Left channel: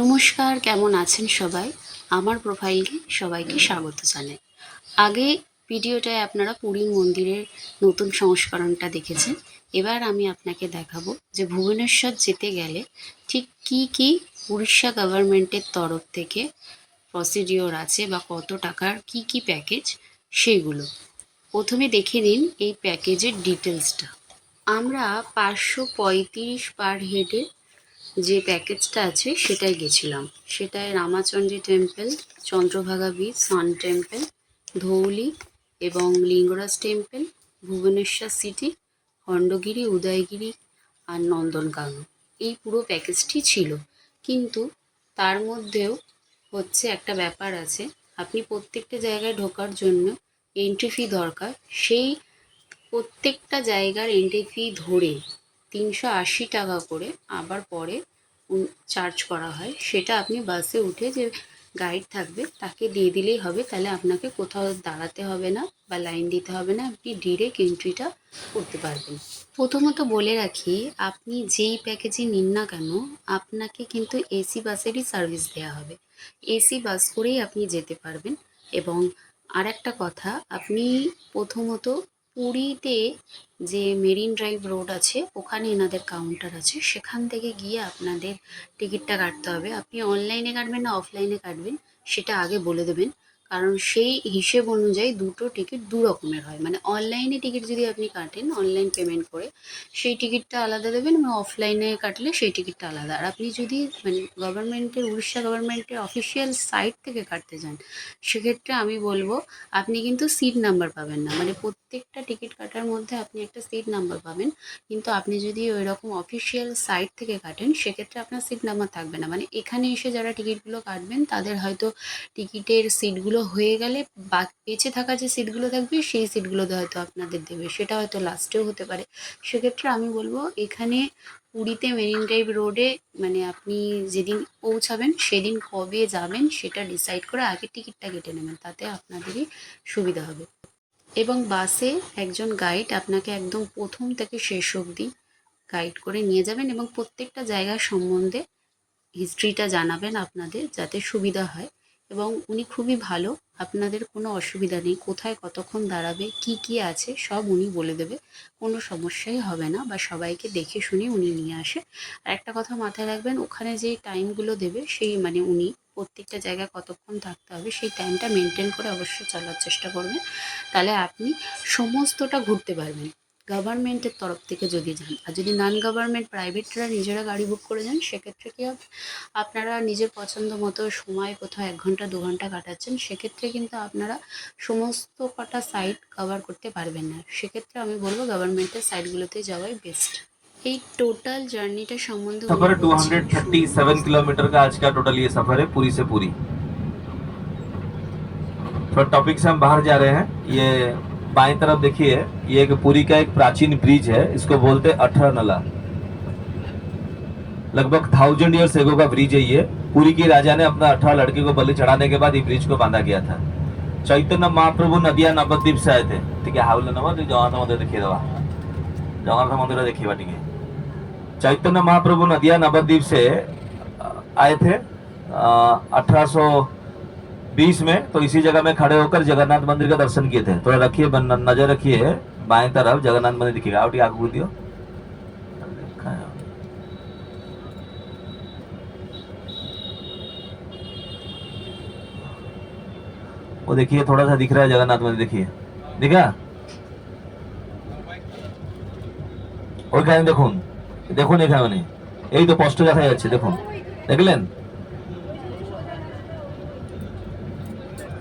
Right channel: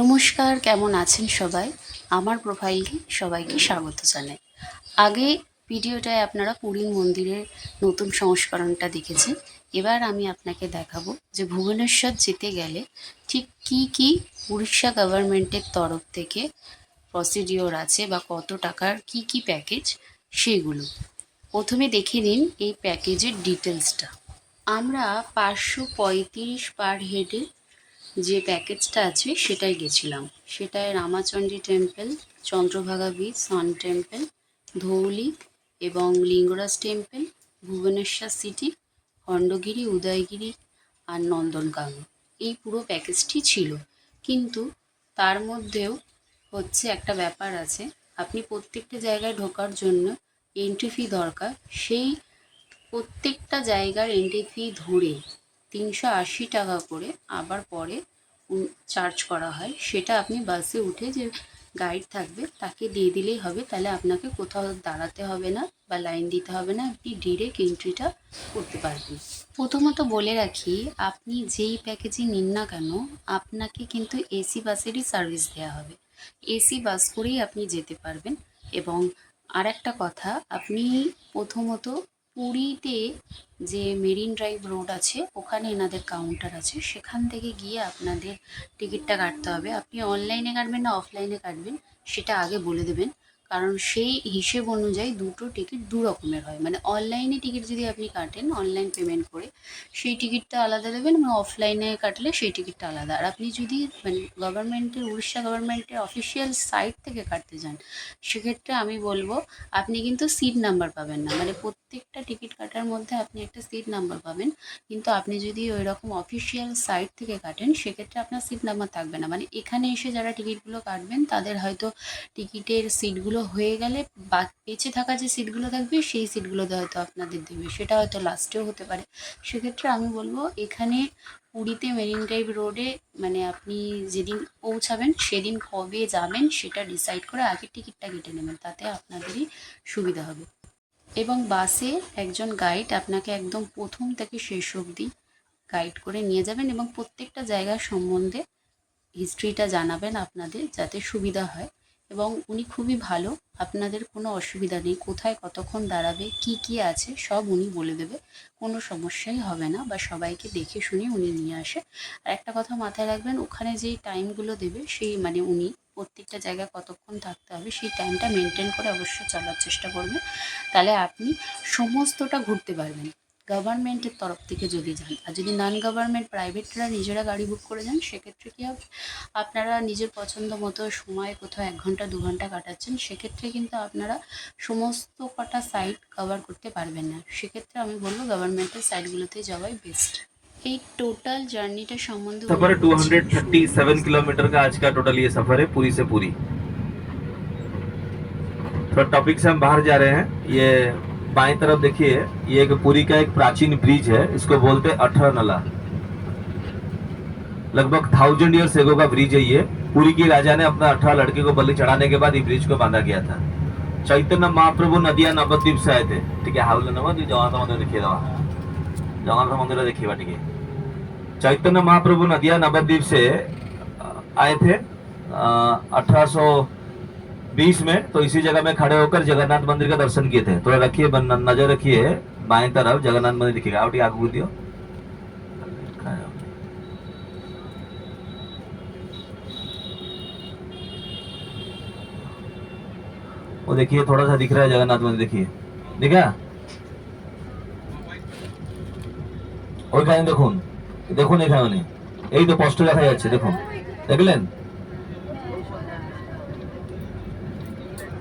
নমস্কার, কেমন আছেন সবাই? আমার প্রোফাইলকে সবাইকে স্বাগত জানাই। আগে ভিডিওটায় আপনারা পুরীর মন্দিরের নতুন সংস্করণটা দেখেছেন। এবার আমি আপনাকে দেখাবো যে ভুবনেশ্বর যেতে গেলে ঠিক কি কি উড়িষ্যা গভর্নমেন্টের তরফ থেকে প্রসিডিওর আছে বা কত টাকার কি কি প্যাকেজ সেগুলো। প্রথমে দেখে নিন এই প্যাকেজের ডিটেলসটা আমরা পাঁচশো পঁয়ত্রিশ পার হেডে যে প্যাকেজটা আছে সেটাই গেছিলাম। সেটায় Ramachandi temple, Chandrabhaga beach, sun temple, Dhauli এবং লিঙ্গরাজ টেম্পল, ভুবনেশ্বর সিটি, খণ্ডগিরি, উদয়গিরি আর নন্দনকানন। এই পুরো প্যাকেজটি ছিল। কিন্তু তার মধ্যেও হচ্ছে একটা ব্যাপার আছে। আপনি প্রত্যেকটা জায়গায় ঢোকার জন্য এন্ট্রি ফি দরকার। সেই প্রত্যেকটা জায়গার এন্ট্রি ফি ধরে তিনশো আশি টাকা করে আবার পরে চার্জ করা হয়। সেটা আপনি বাসে উঠে যে গাইড থাকবে, তাকে দিয়ে দিলেই হবে। তাহলে আপনাকে কোথাও দাঁড়াতে হবে না বা লাইন দিতে হবে না। আপনি ডিরেক্ট এন্ট্রিটা করতে পারবেন। প্রথমত বলে রাখি, আপনি যেই প্যাকেজে নিন না কেন, আপনাকে কিন্তু এসি বাসেরই সার্ভিস দেওয়া হবে। এসি বাস করেই আপনি যেতে পারবেন। এবং আর একটা কথা, আপনি প্রথমত পুরীতে যে মেরিন ড্রাইভ রোড আছে, ওখানে এনাদের কাউন্টার আছে। সেখান থেকে গিয়ে আপনাদের টিকিটটা কাটতে হবে। আপনি অনলাইনে কাটবেন না অফলাইনে কাটবেন, সেটা আগে বলে দেবেন। কারণ সেই হিসেব অনুযায়ী দুটো টিকিট দু রকমের হয়। মানে অনলাইনে টিকিট যদি আপনি কাটেন অনলাইন পেমেন্ট করে, সেই টিকিটটা আলাদা দেবেন এবং অফলাইনে কাটলে সেই টিকিটটা আলাদা। আর আপনি যদি মানে গভর্নমেন্টের উড়িষ্যা গভর্নমেন্টের অফিসিয়াল সাইট থেকে কাটতে যান, সেক্ষেত্রে আমি বলব, আপনি কিন্তু সিট নাম্বার পাবেন না। মানে প্রত্যেকটা টিকিট কাটার মধ্যে আপনি একটা সিট নাম্বার পাবেন। কিন্তু আপনি যদি ওই রকম অফিসিয়াল সাইট থেকে কাটেন, সেক্ষেত্রে আপনার সিট নাম্বার থাকবে না। মানে এখানে এসে যারা টিকিটগুলো কাটবেন, তাদের হয়তো টিকিটের সিটগুলো হয়ে গেলে বেঁচে থাকা যে সিটগুলো থাকবে, সেই সিটগুলোতে হয়তো আপনাদের দেবে। সেটা হয়তো লাস্টেও হতে পারে। সেক্ষেত্রে আমি বলব, এখানে পুরীতে মেরিন ড্রাইভ রোডে মানে আপনি যেদিন পৌঁছাবেন, সেদিন কবে যাবেন, সেটা ডিসাইড করে আগে টিকিটটা কেটে নেবেন। তাতে আপনাদেরই সুবিধা হবে। এবং বাসে একজন গাইড আপনাকে একদম প্রথম থেকে শেষ অবধি গাইড করে নিয়ে যাবেন এবং প্রত্যেকটা জায়গার সম্বন্ধে হিস্ট্রিটা জানাবেন আপনাদের, যাতে সুবিধা হয়। এবং উনি খুবই ভালো। আপনাদের কোনো অসুবিধা নেই, কোথায় কতক্ষণ দাঁড়াবে, কি কি আছে, সব উনি বলে দেবে। কোনো সমস্যাই হবে না বা সবাইকে দেখে শুনে উনি নিয়ে আসে। আর একটা কথা মাথায় রাখবেন, ওখানে যে টাইমগুলো দেবে, সেই মানে উনি প্রত্যেকটা জায়গায় কতক্ষণ থাকতে হবে, সেই টাইমটা মেনটেন করে অবশ্য চলার চেষ্টা করবেন। তাহলে আপনি সমস্তটা ঘুরতে পারবেন। গভর্নমেন্টের তরফ থেকে যদি যান আর যদি নন গভর্নমেন্ট প্রাইভেটরা নিজেরা গাড়ি বুক করে যান সেক্ষেত্রে কি হবে আপনারা নিজের পছন্দ মতো সময় কোথাও এক ঘন্টা দু ঘন্টা কাটাচ্ছেন সেক্ষেত্রে কিন্তু আপনারা সমস্ত কটা সাইট কভার করতে পারবেন না সেক্ষেত্রে আমি বলবো গভর্নমেন্টের সাইটগুলোতে যাওয়াই বেস্ট এই টোটাল জার্নিটা সম্বন্ধে উনি सफर है বলছেন, 237 किलोमीटर का आज का टोटल ये सफर है पूरी से पूरी थोड़ा टॉपिक से हम बाहर जा रहे हैं ये बाएँ तरफ़ देखिए, ये एक पुरी का एक प्राचीन ब्रिज है, इसको बोलते हैं अठर नला। लगभग थाउज़ेंड ईयर्स एगो का ब्रिज है ये। पुरी की राजा ने अपना अठारह लड़के को बलि चढ़ाने के बाद ये ब्रिज को बांधा गया था। चैतन्य महाप्रभु नदिया नवद्वीप से आए थे। ठीक है, हावले नमः जगन्नाथ मंदिर देखिए दवा। जगन्नाथ मंदिर देखिए ठीक है चैतन्य महाप्रभु नदिया नवद्वीप से आए थे अठारह बीस में तो इसी जगह में खड़े होकर जगन्नाथ मंदिर का दर्शन किए थे थोड़ा रखिए बन- नजर रखिए बाएं तरफ जगन्नाथ मंदिर दिखेगा आप ठीक आगे दियो वो देखिए थोड़ा सा दिख रहा है जगन्नाथ मंदिर देखिए दिखा ওইখানে দেখুন দেখুন এখানে উনি এই তো স্পষ্ট দেখা যাচ্ছে দেখুন দেখলেন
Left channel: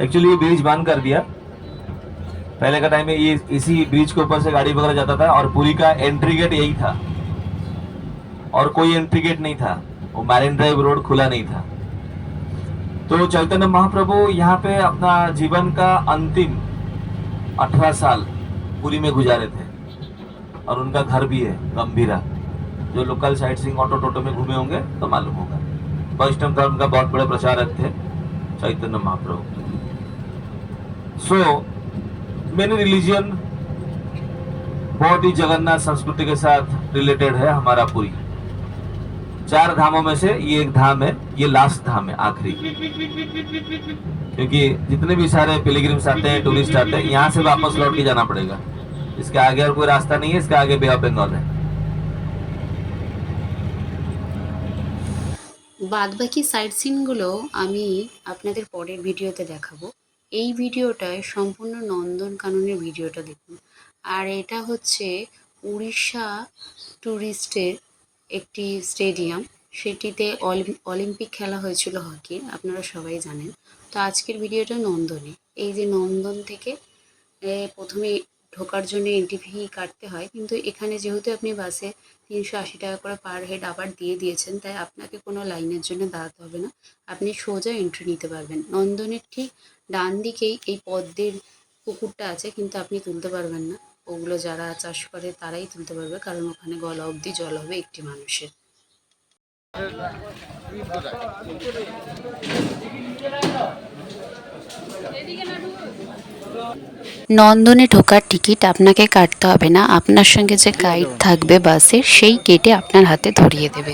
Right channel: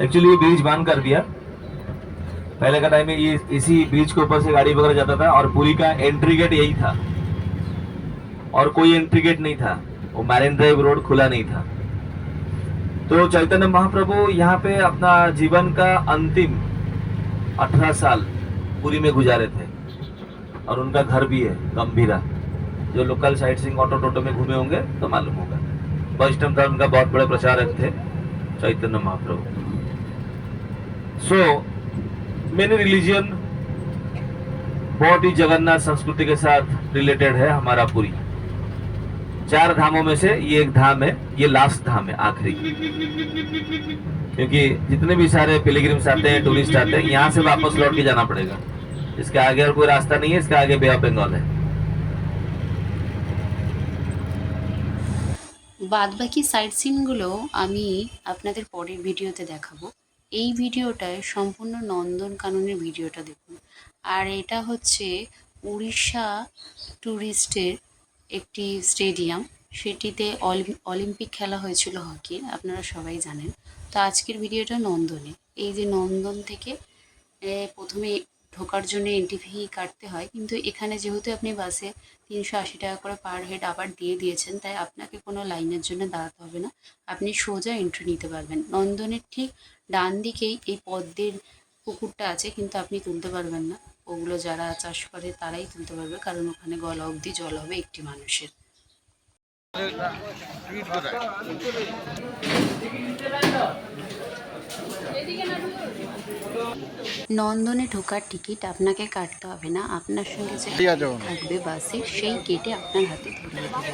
एक्चुअली ये ब्रिज बंद कर दिया। पहले का टाइम में ये इसी ब्रिज के ऊपर से गाड़ी वगैरह जाता था और पुरी का एंट्री गेट यही था। और कोई एंट्री गेट नहीं था। वो मैरिन ड्राइव रोड खुला नहीं था। तो चैतन्य महाप्रभु यहाँ पे अपना जीवन का अंतिम 18 साल पुरी में गुजारे थे। और उनका घर भी है, गंभीरा। जो local sightseeing auto toto में घूमे होंगे तो मालूम होगा। वैष्णव धर्म का बहुत बड़े प्रचारक थे Chaitanya Mahaprabhu. So many religion बहुत ही जगन्नाथ संस्कृति के साथ रिलेटेड है हमारा पुरी चार धामों में से ये एक धाम है ये लास्ट धाम है आखिरी क्योंकि जितने भी सारे पिलग्रिम्स आते हैं टूरिस्ट आते हैं यहाँ से वापस लौट के जाना पड़ेगा इसके आगे और कोई रास्ता नहीं है इसके आगे बे ऑफ बंगाल है বাদবাকি সাইড সিনগুলো আমি আপনাদের পরের ভিডিওতে দেখাবো এই ভিডিওটায় সম্পূর্ণ নন্দনকাননের ভিডিওটা দেখুন। আর এটা হচ্ছে উড়িষ্যা ট্যুরিস্টের একটি স্টেডিয়াম। সেটিতে অলিম- অলিম্পিক খেলা হয়েছিল হকি, আপনারা সবাই জানেন। তো আজকের ভিডিওটা নন্দনে। এই যে নন্দন থেকে প্রথমে ঢোকার জন্য এন্ট্রি ফি কাটতে হয়। কিন্তু এখানে যেহেতু আপনি বাসে তিনশো আশি টাকা করে পার হেড আবার দিয়ে দিয়েছেন, তাই আপনাকে কোনো লাইনের জন্য দাঁড়াতে হবে না। আপনি সোজা এন্ট্রি নিতে পারবেন। নন্দনের ঠিক ডান দিকেই এই পদ্মের পুকুরটা আছে কিন্তু আপনি তুলতে পারবেন না। ওগুলো যারা চাষ করে তারাই তুলতে পারবে কারণ ওখানে গলা অবধি জল হবে একটি মানুষের। নন্দনে ঢোকার টিকিট আপনাকে কাটতে হবে না। আপনার সঙ্গে যে গাইড থাকবে বাসে সেই কেটে আপনার হাতে ধরিয়ে দেবে।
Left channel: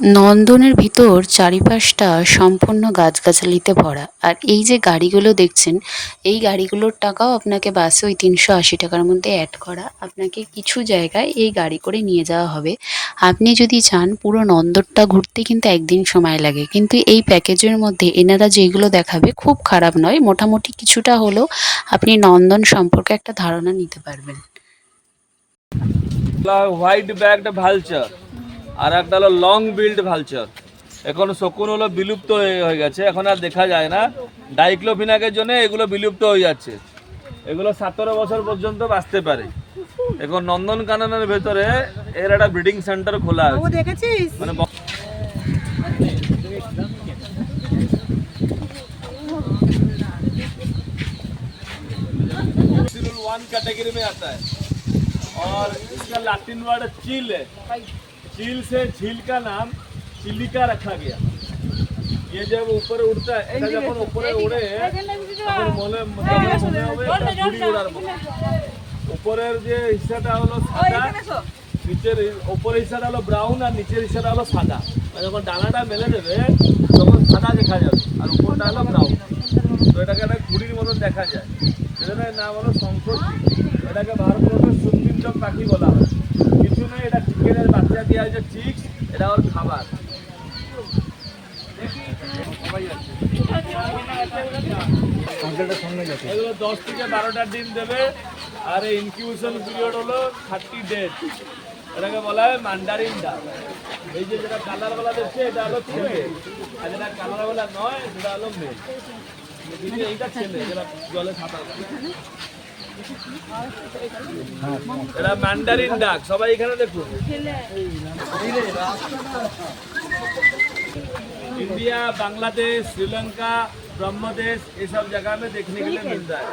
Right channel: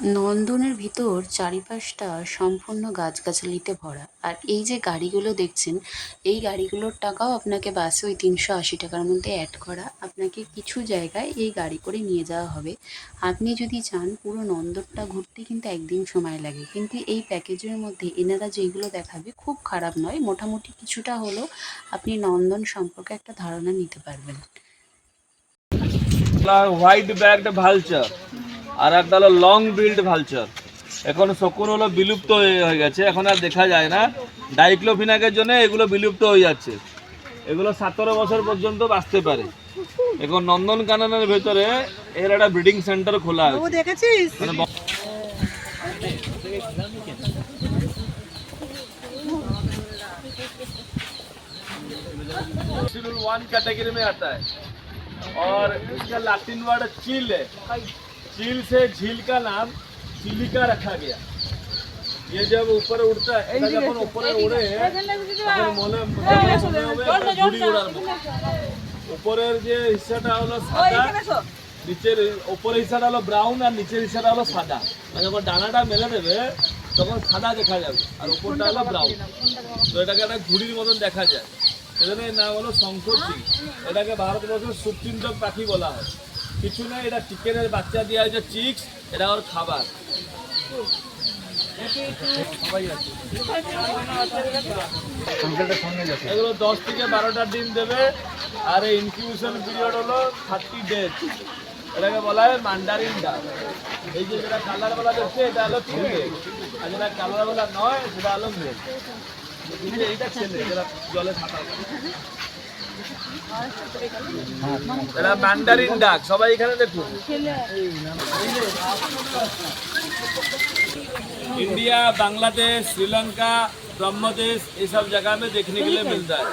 নন্দনের ভিতর চারিপাশটা সম্পূর্ণ গাছগাছালিতে ভরা। আর এই যে গাড়িগুলো দেখছেন, এই গাড়িগুলোর টাকাও আপনাকে বাসে ওই তিনশো আশি টাকার মধ্যে অ্যাড করা। আপনাকে কিছু জায়গায় এই গাড়ি করে নিয়ে যাওয়া হবে। আপনি যদি চান, পুরো নন্দনটা ঘুরতে কিন্তু একদিন সময় লাগে। কিন্তু এই প্যাকেজের মধ্যে এনারা যেগুলো দেখাবে খুব খারাপ নয়, মোটামুটি কিছুটা হলেও আপনি নন্দন সম্পর্কে একটা ধারণা নিতে পারবেন। হোয়াইট ব্যাগড ভালচার আর একটা হলো লং বিল্ড ভালচার এখন শকুন হলো বিলুপ্ত হয়ে হয়ে গেছে এখন আর দেখা যায় না ডাইক্লোফিনাকের জন্য এগুলো বিলুপ্ত হয়ে যাচ্ছে এগুলো সতেরো বছর পর্যন্ত বাঁচতে পারে এখন নন্দনকাননের ভেতরে এর একটা ব্রিডিং সেন্টার খোলা আছে মানে ব- सिरुल वन कैटेगरी में आता है और इसका लातिन वर्ड चील है चील से झील का नाम चिलिका रखा गया ये जब ऊपर उड़ता है এটা যখন উপরে উড়ে তখন মনে তখন মনে হবে একটা ঘুড়ি ওড়ার মতো উপরের যে হিস্সাটা হলো সাদা নিচের উপরের হিস্সাটা হলো ব্রাউন আর নিচের হিস্সাটা হলো সাদা আর যখন ডানাটা মেলে দেবে তখন সাদা দেখা যাবে আর উপরটা হলো ব্রাউন তো এটাকে একটা ঘুড়ির মতো দেখা যায় সেজন্য এর নাম হলো শঙ্করচি এটাকে ভারতবর্ষের সুচিন্তক পাখি বলা হয় কিছু না এটা চিকেনের বাচ্চা দেওয়া হয়েছে চিক্স এটা ওর খাবার। এগুলো দশ থেকে বারোটা ডিম দেবে আর এই ইনকিউশন পিরিয়ড হলো থার্টি ডেজ এটাকে বলা হয় মান্ডারিন ডাক এই যে যেটা কালার বলা দেখছে এটা হলো ছেলে। আর যেটা কালার বলা নয় সেটা হলো কিন্তু এইটা ছেলে যেটা জলে কাটে। এটা ম্যান্ডারিন ডাক সবাই এখানে দেখুন इंडिया बांग्लादेश श्रीलंका ब्रह्मदेश ये सब जगह में देखने के लिए मिलता है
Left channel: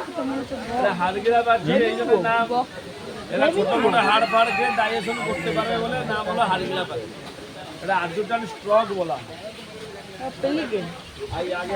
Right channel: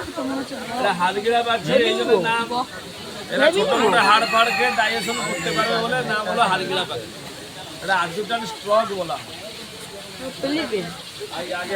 এরা হাড়গিরা বাজছে এই জন্য নাম এরা ছোট মোটো হাড় ফাড়কে ডাইজেশন করতে পারবে বলে নাম হলো হাড়গিরা পাখি এটা আর্জুটান স্ট্রক বলা হয়। আই আগে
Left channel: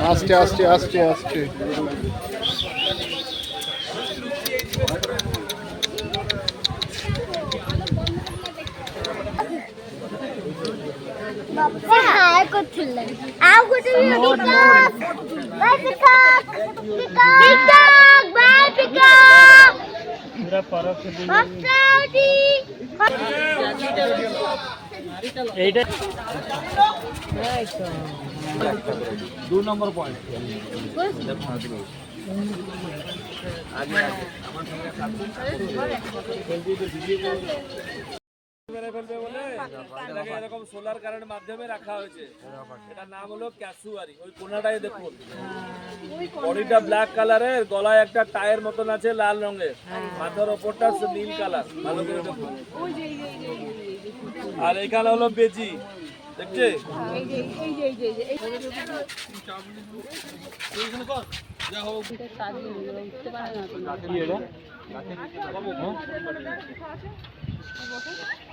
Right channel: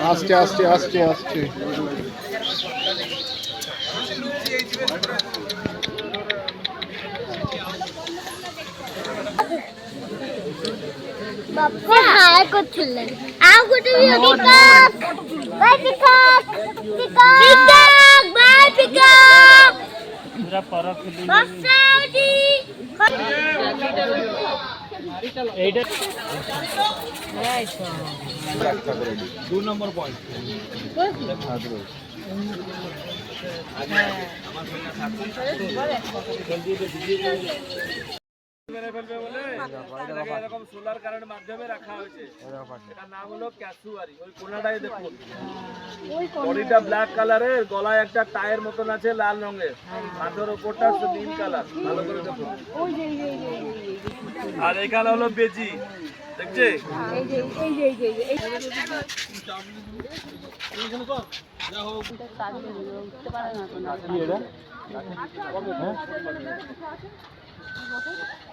এরা Cambodia Vietnam South China hill দু নম্বর পয়েন্ট আগে আগে আমার সঙ্গে থাকুন মেরে ফেলবে বলে এটাকে এরকম সোলার কারেন্ট মাধ্যমে রাখা হয়েছে এটার নাম হলো ক্যাসুয়ারি ওই কোনাটাই দেখুন বডিটা ব্ল্যাক কালারের গলায় একটা টায়ের মতন আছে লাল রঙের। মাথার ওপরটা নীল কালার ভালো করে দেখুন আর এখানে হলো বেজি, দেখছে?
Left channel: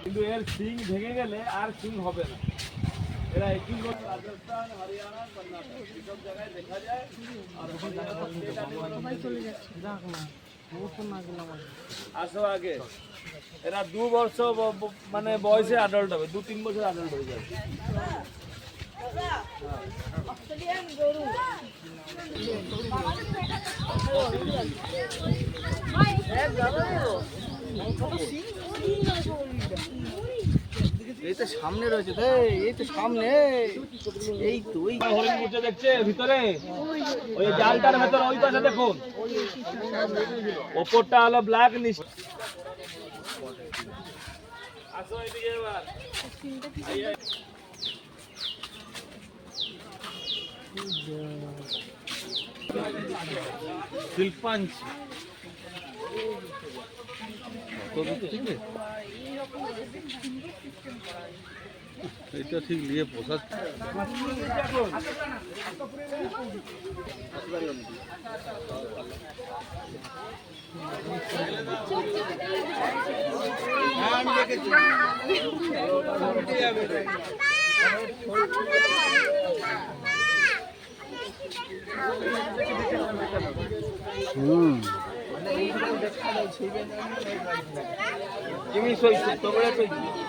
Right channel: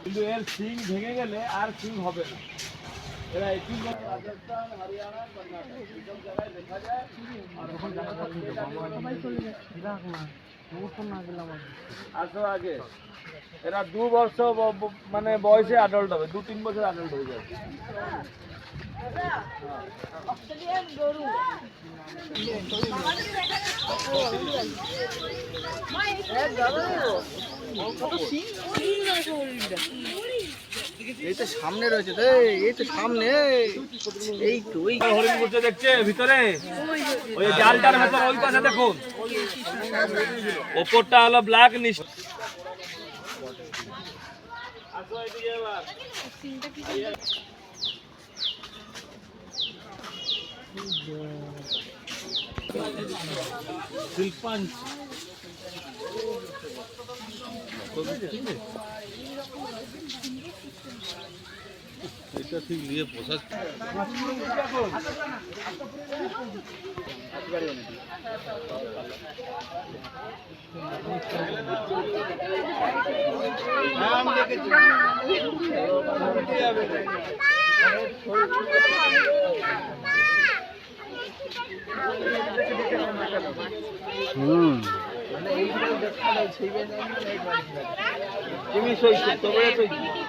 কিন্তু এর সিং ভেঙে গেলে আর সিং হবে না। এরা সিং রাজস্থান, হরিয়ানা, কর্ণাটক এইসব জায়গায় দেখা যায়। আসো আগে। এরা দু বর্ষ ব- ব- মানে বয়সে অ্যাডাল্ট হবে দু তিন বছর অ্যাডাল্ট হয়ে যাবে। এই তো সামনে রয়েছে তো এই তো সামনে এই তো ওই। হরিণ বসে দেখছে ভিতরে। ওই জালটার ভেতরে ওই পাশে দেখুন। ওপরটা হলো ব্ল্যাক নিচ আসো ঠিক আছে শিল্পাঞ্চ এটা ঠিক নিয়ে পোষা হুম। তুমি সইছো তোমরা সইছো।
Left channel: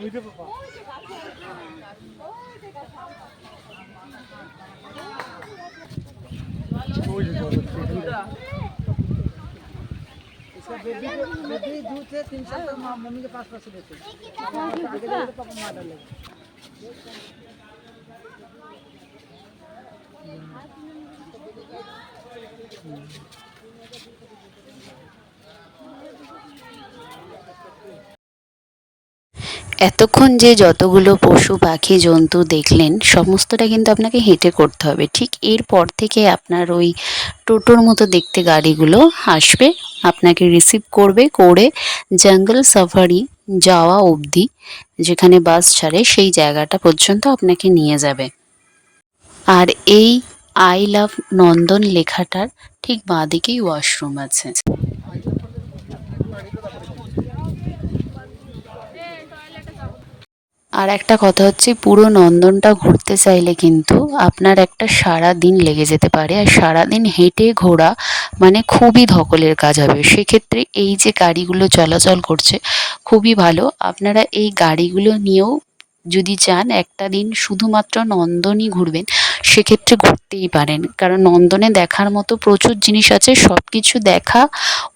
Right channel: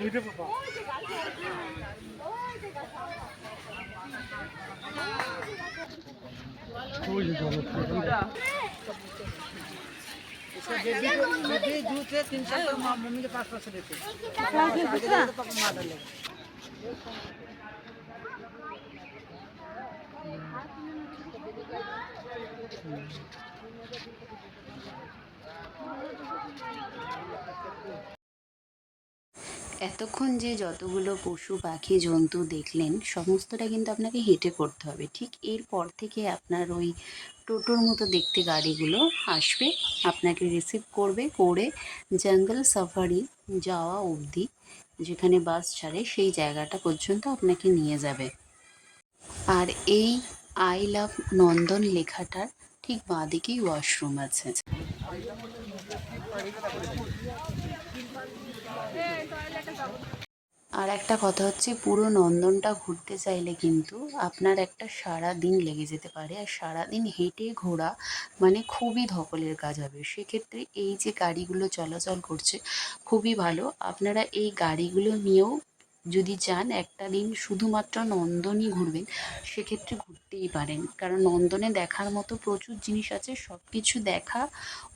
ওইটা বাবা। ওই যে বাবা दीदी दूध है तीन सौ এতক্ষণ যে যতগুলো পশু, পাখি, জন্তু দেখলেন, সমস্তটা কিন্তু আপনাকে হেঁটে করতে হবে। ঠিক এরপর থেকে আপনার ওই টোটোর মতো দেখতে গাড়িগুলো আসবে, আপনাকে রিসিভ করবে, করে জঙ্গল সাফারি যাওয়া অবধি, যেখানে বাস ছাড়ে, সেই জায়গাটা পর্যন্ত আপনাকে নিয়ে যাবে। আর এই আই লাভ নন্দন লেখাটার ঠিক বাঁদিকেই ওয়াশরুম আছে। আর একটা কথা হচ্ছে, পুরো নন্দনটা ঘুরতে চাইলে কিন্তু আপনার একটা সারা দিন লেগে যেতে পারে। আর সারা দিন হেঁটে ঘোরা মানে খুবই ধকলের কাজ হবে। সেক্ষেত্রে এই যে গাড়িগুলো চলাচল করছে, খুবই ভালো। আপনারা এই গাড়িগুলো নিয়েও যদি চান একটা দিন শুধুমাত্র নন্দনই ঘুরবেন। সেক্ষেত্রে ঘুরতেই পারেন। কারণ নন্দনে দেখার মতো প্রচুর জিনিস আছে সব কিছু দেখা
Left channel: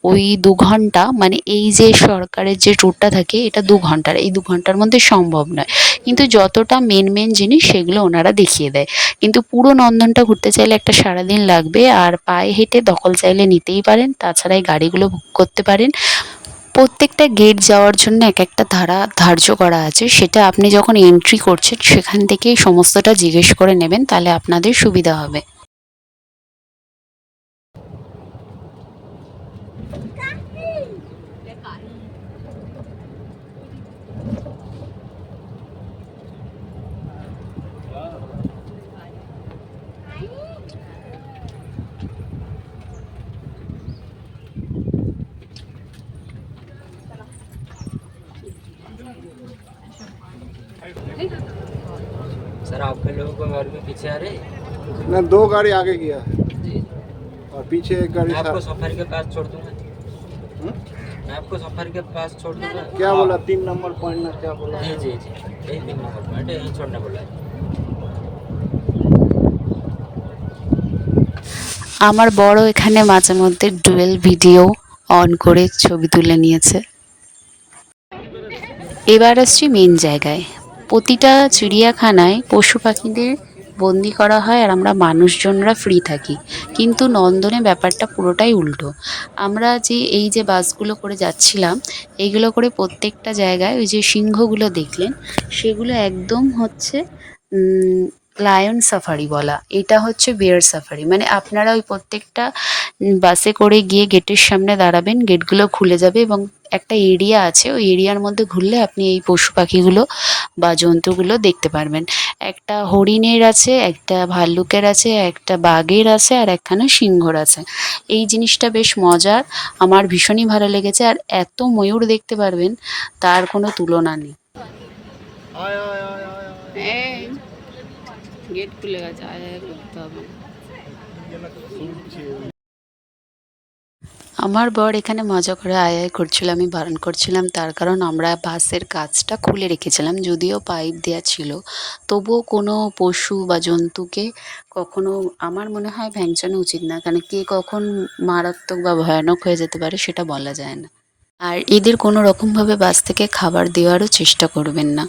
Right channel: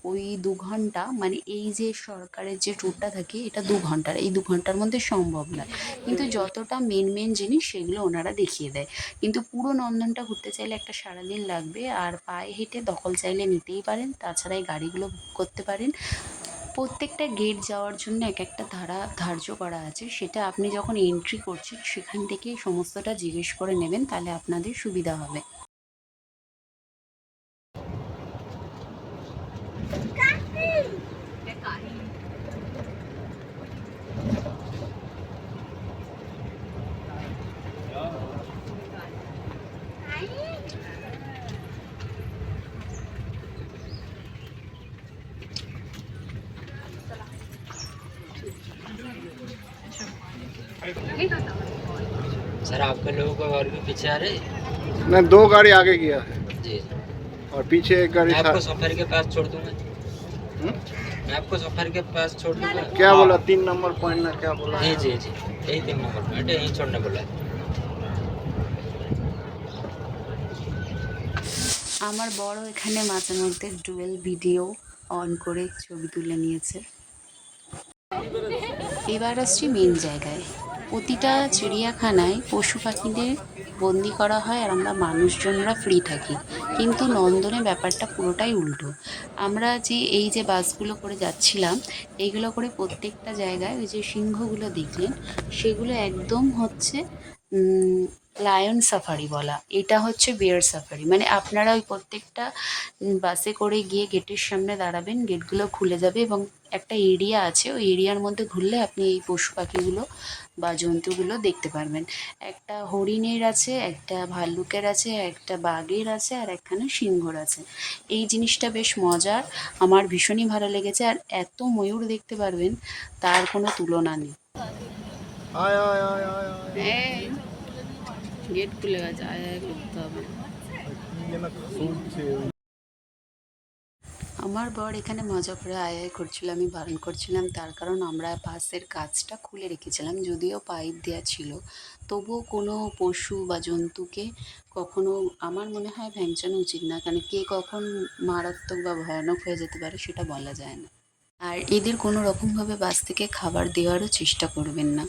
ওই দু ঘণ্টা মানে এই যে সরকারের যে ট্যুরটা থাকে, এটা দু ঘণ্টার। এই দু ঘণ্টার মধ্যে সম্ভব নয়। কিন্তু যতটা মেন মেন জিনিস সেগুলো ওনারা দেখিয়ে দেয়। কিন্তু পুরো নন্দনটা ঘুরতে চাইলে একটা সারাদিন লাগবে, আর পায়ে হেঁটে দখল চাইলে নিতেই পারেন। তাছাড়া এই গাড়িগুলো বুক করতে পারেন। প্রত্যেকটা গেট যাওয়ার জন্য এক একটা ধারা ধার্য করা আছে। সেটা আপনি যখন এন্ট্রি করছেন, সেখান থেকেই সমস্তটা জিজ্ঞেস করে নেবেন, তাহলে আপনাদের সুবিধা হবে। लोगों को और भी पीछे आ रहे ना दो गाड़ी आगे किया है जी जी और पीछे एक गाड़ी मैं आपको सा- सफर के पास छोड़ दूंगा हम्म? मैं आपको सफर के पास छोड़ दूंगा क्या बोला तीन नंबर पॉइंट ना क्या बोला जी जी जी यही तीन नंबर पॉइंट है यही छोड़ने बोला है আমার বড় এখানে মাঝে মধ্যে ডুয়েল ভিডিও অন করে ছবি তুলে নিয়েছে এবার আসছি মেন জায়গায় প্রতিটা চিড়িয়াখানায় পশু পাখিদের বন্দি করা হয় আর আমরা মানুষজনরা ফ্রি থাকি। কিন্তু নন্দনে ব্যাপারটা পুরোটাই উল্টো। আমরা যে এই যে বাসগুলো করে যাচ্ছিলাম এইগুলো করে প্রত্যেকটা জায়গায় ওই যে সিংহগুলো দেখলেন, সেগুলো একদম হচ্ছে লায়ন সাফারি বলা। এটা হচ্ছে বিয়ার সাফারি মানে আপনারা ওই প্রত্যেকটা বাসে করে গিয়ে গেটের সামনে দাঁড়াবেন গেটগুলো খুলে যাবে এবং একটা এরিয়া আছে ওই এরিয়ার মধ্যে ঘুরলে আপনি এই পশু পাখিগুলো বা জন্তুগুলো দেখতে পারবেন। একটা হরিণের আছে একটা ভাল্লুকের আছে একটা বাঘের আছে আর একখানা সিংহর আছে। এই জিনিসটা বেশ মজার আমার ভীষণই ভালো লেগেছে আর এত ময়ূর দেখতে পারবেন তার কোনো তুলনা নেই। গেট খুলে গেছে আয় আয় করতে হবে আমার বর এখানে মজা করে আয় আয় করছিল, আমি বারণ করছিলাম। তার কারণ আমরা বাসের কাজটা খুলে রেখেছিলাম, যদিও পাইপ দেওয়া ছিল। তবুও কোনো পশু বা জন্তুকে কখনো, আমার মনে হয় ভ্যাংচানো উচিত না, কারণ কে কখন মারাত্মক বা ভয়ানক হয়ে যেতে পারে সেটা বলা যায় না। আর এদের কোনো রকমভাবে বাস থেকে খাবার দেওয়ারও চেষ্টা করবেন না।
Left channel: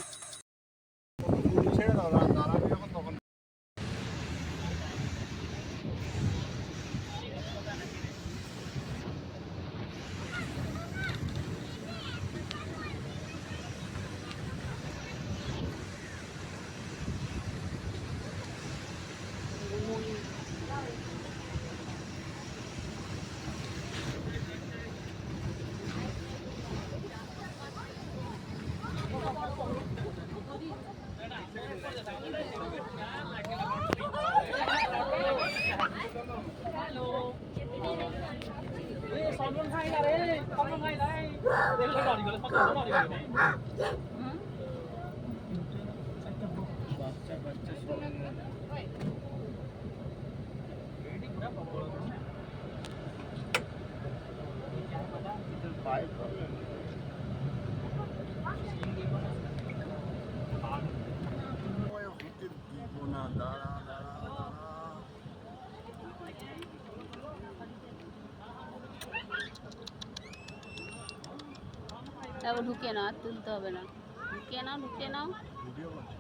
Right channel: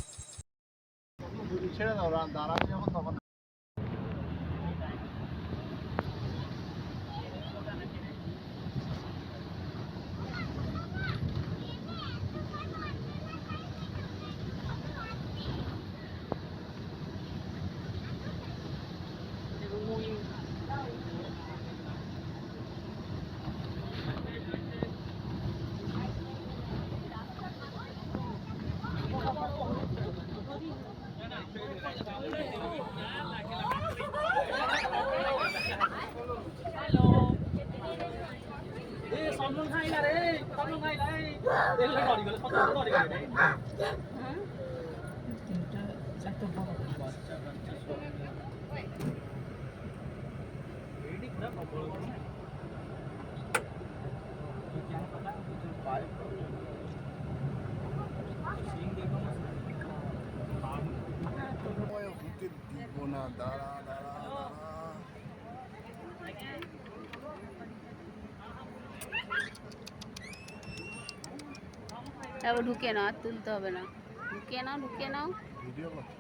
তারপর ঢুকিয়ে নাও আর তুলতে হবে না। ঢুকিয়ে নাও ঢুকিয়ে নাও। ভিডিও করছি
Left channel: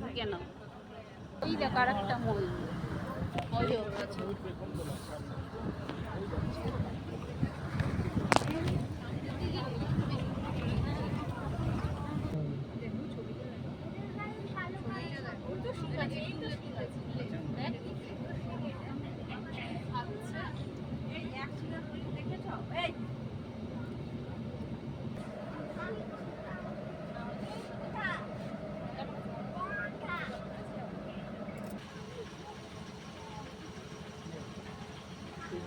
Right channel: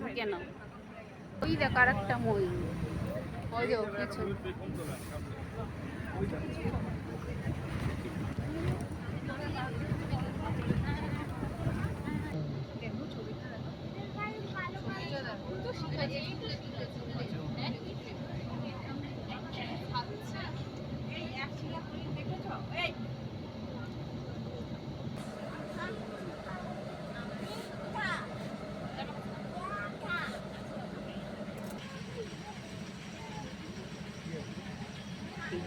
ঢুকে নাও। ওই দেখ আর একটা ময়ূর ওই ওর কিছু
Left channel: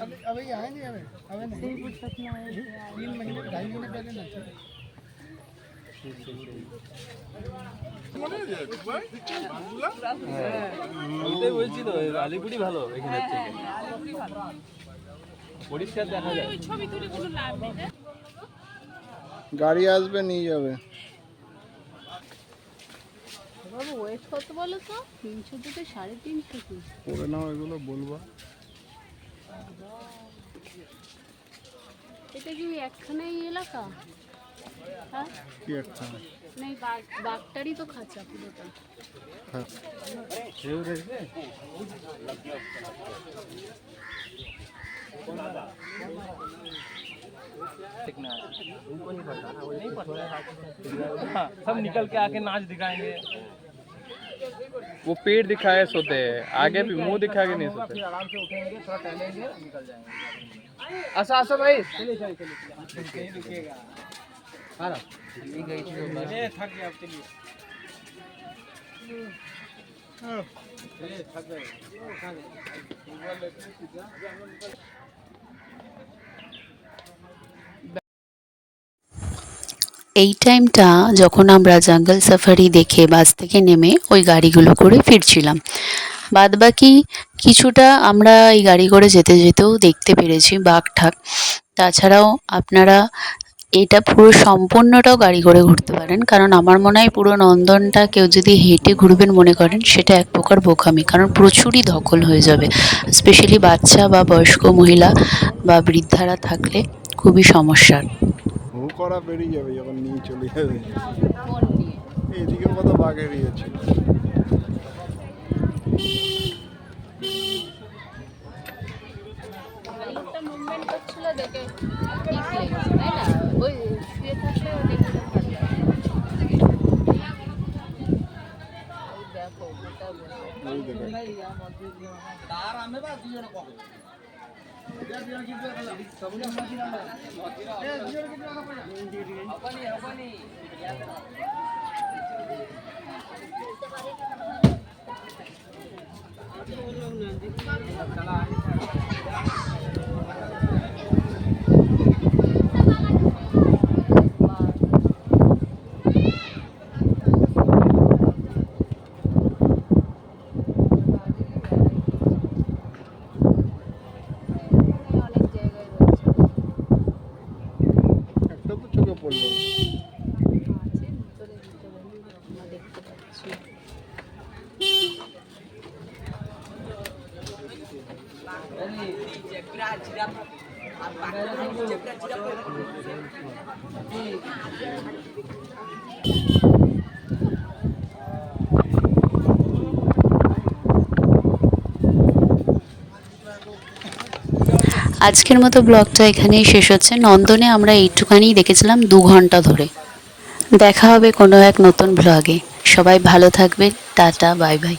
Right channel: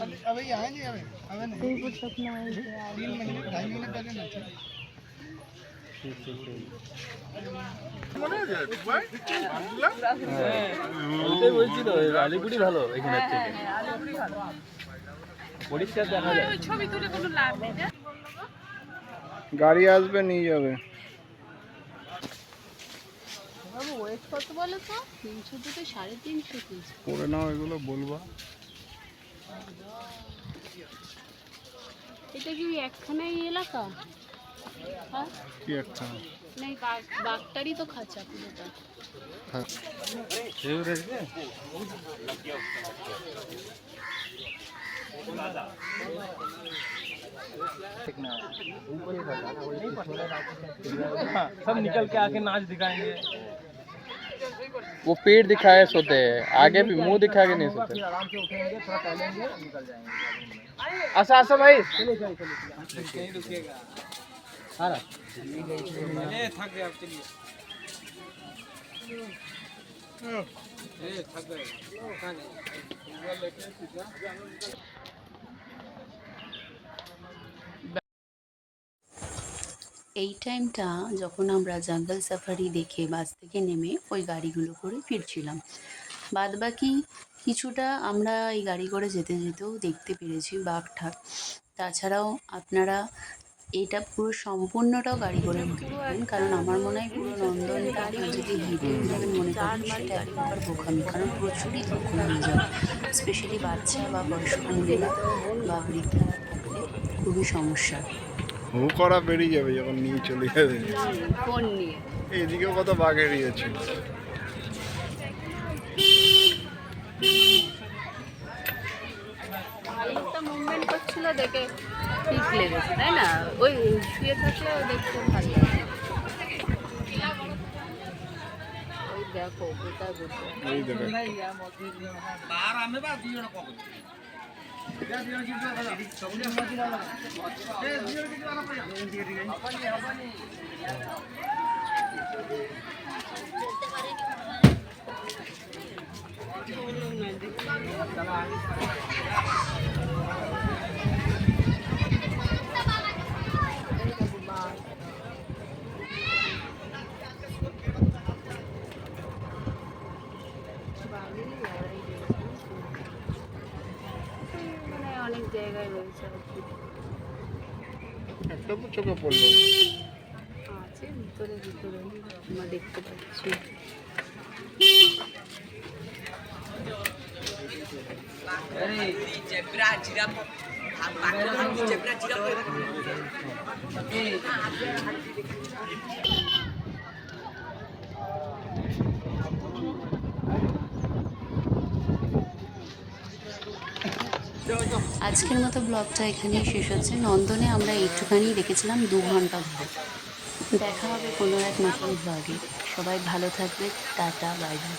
अभी अभी यहाँ नहीं अभी अभी नहीं तीन महीने ढाई महीने पहले ना थे ওইটাই বলছি তো আলিপুরি ভালো এখানের থেকে পরিষ্কার দেখা যায় গাড়ি আসবে নিয়ে যাবে ওয়েট কত বলো তো তিনশো থেকে সাড়ে তিনশো পিস করে নাও এগুলো বলবা এটা কি একখানেই এলাকা হ্যাঁ কি একটা না এই বাঘ বাঘটারই তো খাঁচা পুরোটা হ্যাঁ हाँ, सब निकल के आके नाच दिखाएंगे वो पेट दिखाए सोते हैं। आगे भी मुँह दिखा के नहीं सोते। आराम से उठेंगे थोड़ा टहलेंगे निकल जाएँगे। आशा आशा भाई। चलिए चलिए थक गया चलिए। थक गए। এই টাইমটা যখন আমরা জঙ্গল সাফারি দেখে বাস থেকে নেমে ওই গাড়িগুলো করে ফিরছিলাম। বাদবাকি কিছুটা আমরা এই গাড়ি করে যেতে যেতেও দেখতে পেরেছি বাঘ ঠাক তাছাড়াও আপনারা এটা পুরো সম্পূর্ণটাও গাড়ি করে ঘুরতে পারেন, কারণ আমার মনে হয় পুরো নন্দনটা কেউ যদি হেঁটে ঘুরবেন মনে করেন সেটা এক প্রকার বোকামি, কারণ প্রচুরই ধকল হয়ে যাবে। স্পেশালি বাচ্চা বা বয়স্ক মহিলা বা বৃদ্ধারা থাকলে খুবই সমস্যার হু করা বেরিয়ে যাবে যখন নিয়ে চলে যাবে। এদিকেও কত বাঘ এড়িয়েছে দেখে ঠিক লেগেছে তাই না? ওই শুয়ে থাকলে দেখে ভালো দেখো গোটা গোটা এই দেখো এখানে অনেক জায়গায় রয়েছে একটা তো চোখে পড়ল আছে ভিতরে ভিতরে আমরা দেখতে পাচ্ছি আজকের মতো ব্লগটা এখানেই শেষ হচ্ছে। নন্দনে আমরা এইটুখানি দেখেছিলাম দু ঘণ্টা ধরে। দেখা হবে কোনো এক নতুন ব্লগে। সবাই ভালো থাকবে। Tata, bye bye.